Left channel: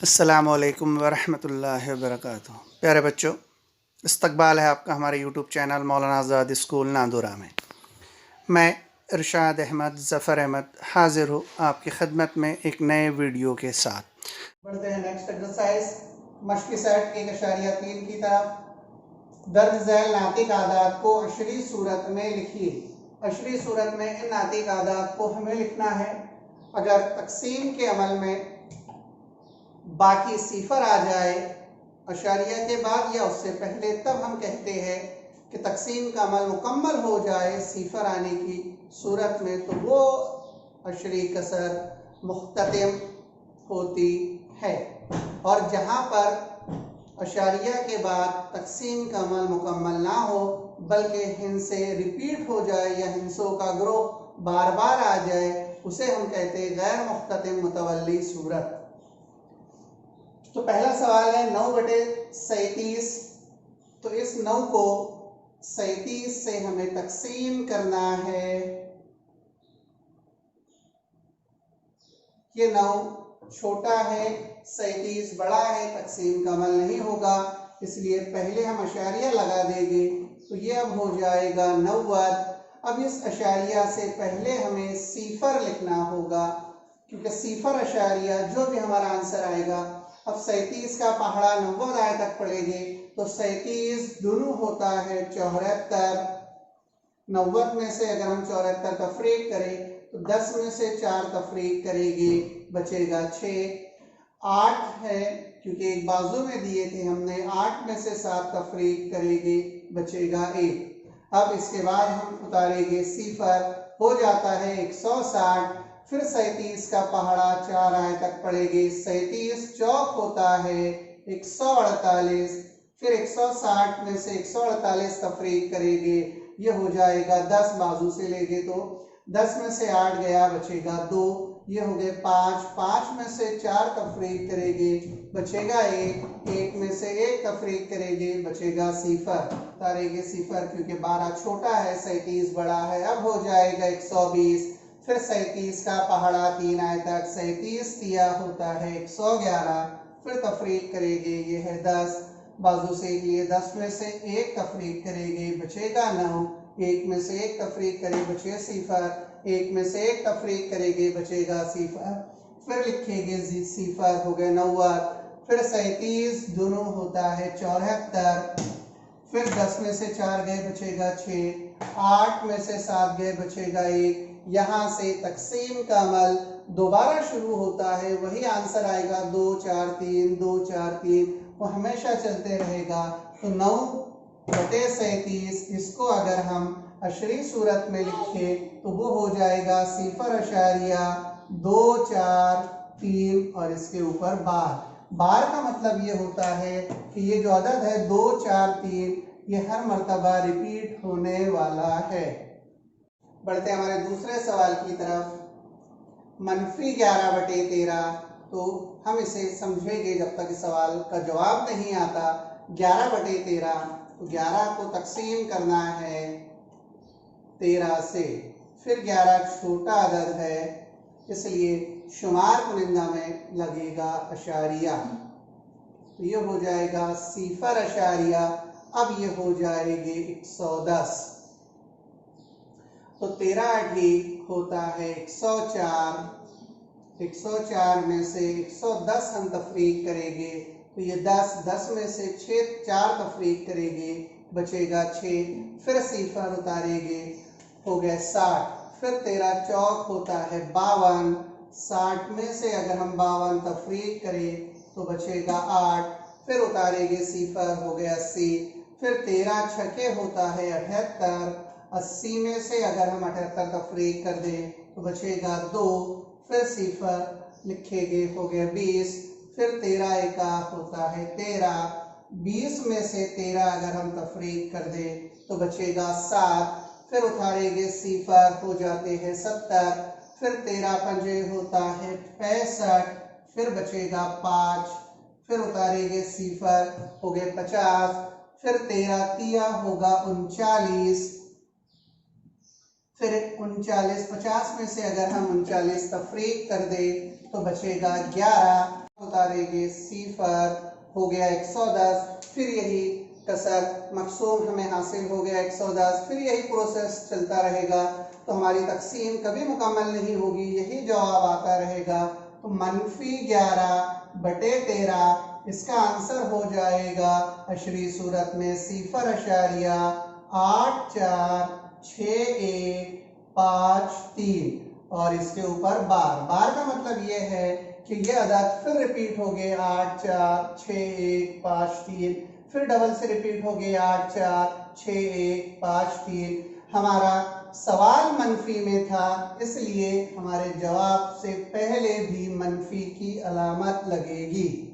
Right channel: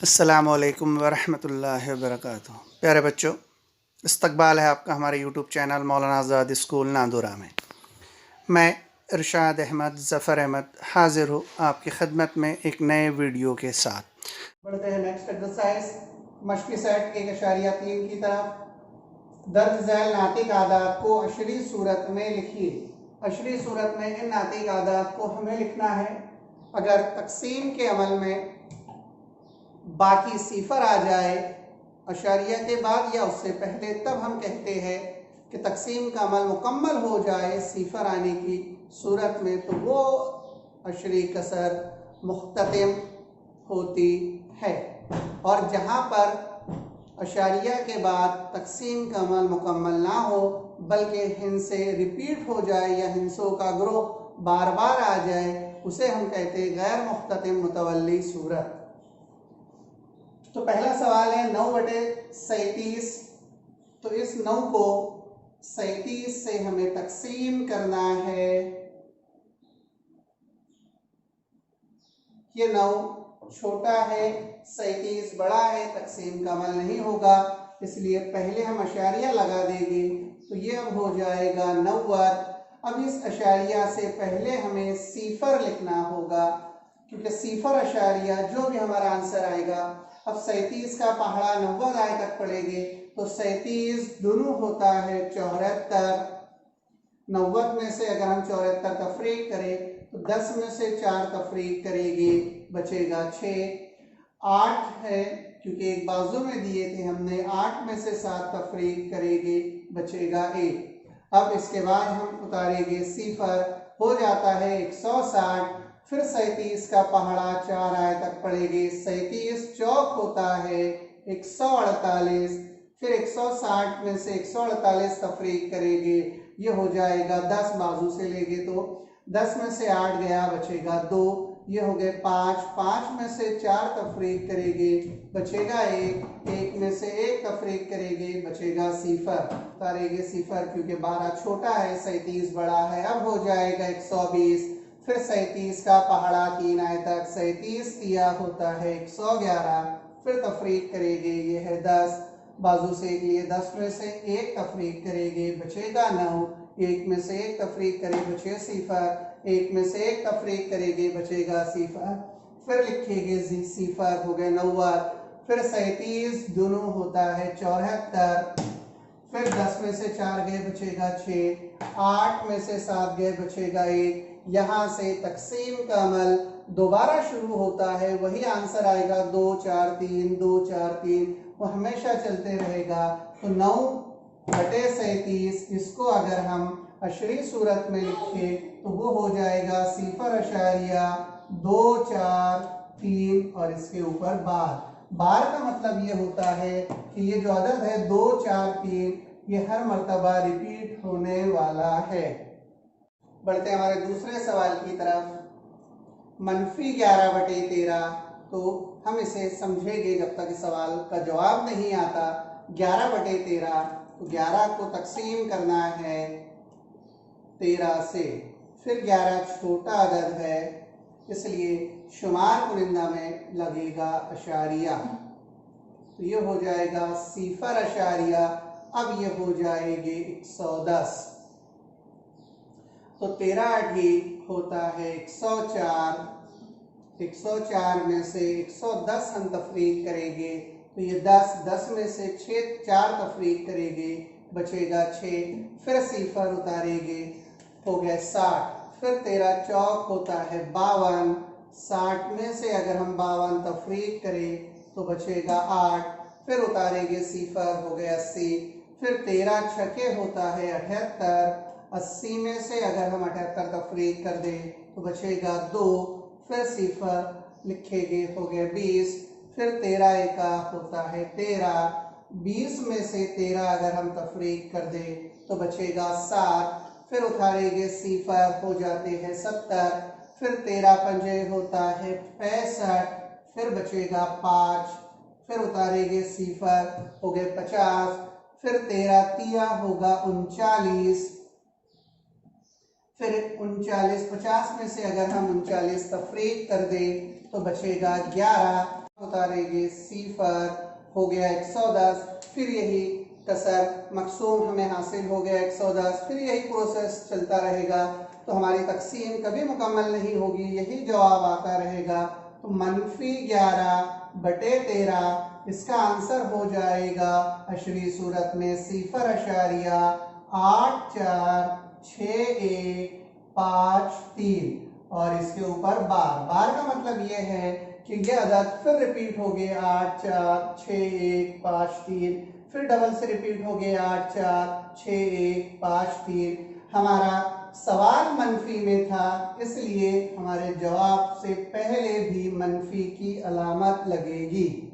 अस्सलामुअलैकुम वरहमतुल्लाहि वबरकातुहू। प्यारे बच्चों, इस्तकबाल है आपका हमारे यूट्यूब चैनल मौलाना आज़ाद स्कूल नांदुरा में। मैं इरशाद अहमद ज़फ़र अहमद हाज़िर हूँ आपकी खिदमत में एक नए वीडियो के साथ। बढ़ते हैं नेक्स्ट एक्सरसाइज मश्क़ी सेट 1.3 की तरफ। दर्ज झैल नातिक आदात को अशरी सूरत में लिखिए। अशरी सूरत में इन नातिक आदात को हमें लिखना है। अगर तकसीम के अमल में बाकी सिफर आ जाए अशारिया के बाद या उससे पहले, तब हम कहते हैं कि तकसीम का अमल मुकम्मल हो जाए सिफर आने की सूरत में, तो वो अशरी कसर मुख्ततिम होती है। और जहाँ पर अशारिया के बाद तकसीम का अमल मुकम्मल ना हो बल्कि हिंसे रिपीट हो जाए या हिंसों का ग्रोह बार बार आ जाए, उसे हम कहते हैं गैर मुख्ततिम मुतवल्ली सूरत। तो पहला सवाल है 9/37। तो इस 9 को 37 से हमें तकसीम करना है। ये 9 छोटा है, 37 बड़ा है, तकसीम का अमल नहीं होगा, इसलिए पहले हम अशारिया लगा देंगे। तो ये अब हो जाएगा 90। अब इस अशारिया से पहले हमें सिफर लिखना होगा, क्योंकि सिफर अशारिया जो भी हमारा आंसर आएगा। अब 37 का पहाड़ा 90 आए तक पढ़ेंगे तो 37 दोनों होता है 74। 90 में से अगर हम 74 तफरीक करें तो 10 में से 4 तफरीक करेंगे, बचेगा 6। 8 है क्योंकि एक बाजू में दिए थे हमने, 8 में से 7 तफरीक करेंगे, बचेगा 1। अब इसके बाद हम उतारेंगे सिफर, हो जाता है 160। फिर 37 का पहाड़ा 4 आए तक पड़ेगी। 37 चौक होता है 148। फिर 160 में से 148 तफरीक करेंगे, ये हो जाएगा 10 बाजू से लेंगे तो 10 में से 8 गया, बचेगा 2, ये हो गए 5। 5 में से 4 तफरीक करेंगे, बचेगा 1। 1 में से 1 तफरीक करेंगे, बचेगा सिफर। उतारेंगे सिफर क्योंकि 12 छोटा है, 37 बड़ा है। अब हो जाएगा 120। फिर 37 का पहाड़ा 3 आए तक, 37 तिया होता है 111। फिर तफरीक करेंगे, ये है 10 बाजू से एक लिए, 10 में से 1 तफरीक करेंगे, बचेगा 9। 1 में से 1 तफरीक करें, बचे सिफर। 1 में से 1 तफरीक करेंगे, बचेगा सिफर। फिर लिखेंगे सिफर, हो गए 90। फिर 37 दोनों होता है 74। फिर 10 में से 4 गए, बचेगा 6। 8 में से 7 गए, बचेगा 1। यहाँ से तकसीम का अमल दोबारा शुरू होता है, वही आंसर आएगा 2 4 3, 2 4 3, वो हमेशा चलते रहेगा। तो 9/37 इसको अगर हम अशरी सूरत में लिखे तो वो हो जाएगा सिफर अशारिया 2 4 3 और इसके ऊपर बार। बार का मतलब ये होता है कि ये जो अदद है 2 4 3, ये हर मर्तबा रिपीट होने वाला है। बढ़ते हमारे दूसरे सवाल की तरफ। -11/13। तो हम इसे समझेंगे जब तक इस सवाल का जवाब नहीं आता। 11/13, तो 11 को तकसीम करना है 13 से। फिर 11 छोटा अदद है, इसलिए शुमार कुनिंदा में लगेगा अशारिया, तो ये हो जाएगा सिफर अशारिया। अब ये हो जाएगी 110। तो 13 होता है 104। 104 में से 110 हम तफरीक करेंगे, तो ये 10 में से 4 तफरीक करेंगे, बचेगा 6। फिर सिफर उतारेंगे, हो गए 60। फिर 13 चौक होता है 52। 60 में से अगर हम 52 तफरीक करें तो बचेगा 8। फिर उतारेंगे सिफर, हो गए 80। फिर 13 छके होता है 78। 80 में से अगर हम 78 तफरीक कर दें तो बचेगा 2। फिर सिफर लिखेंगे, हो गए 20। फिर 13 एका होता है 13। 20 में से 13 अगर हम तफरीक कर दें तो बचेगा 7। फिर उतारेंगे सिफर, हो जाते हैं 70। फिर 13 पंजे होता है 65। फिर बचेगा 5। फिर उतारेंगे सिफर, हो गए 50। फिर 13 तिया होगा 39। फिर 39, 50 में से अगर हम 39 तफरीक कर दें तो बचेगा 11। उतारेंगे, सिफर हो गया 110, फिर यही कसर मकसूम हमें हासिल हो गया 110, फिर यही प्रोसेस चलता रहेगा तो हमारी तकसीम कभी मुकम्मल नहीं होगी, यही जवाब आता रहेगा। तो -11/13 इसका आंसर हो जाएगा अशरी सूरत में 0.846153 और इसके ऊपर बार। बार का मतलब ये है कि ये अदद फिर रिपीट हो गए 846153, फिर डबल से रिपीट हो गए 846153। हमारा सवाल मनफी में था, इसलिए हमारे जवाब से पहले भी मनफी की अलामत लगेगी।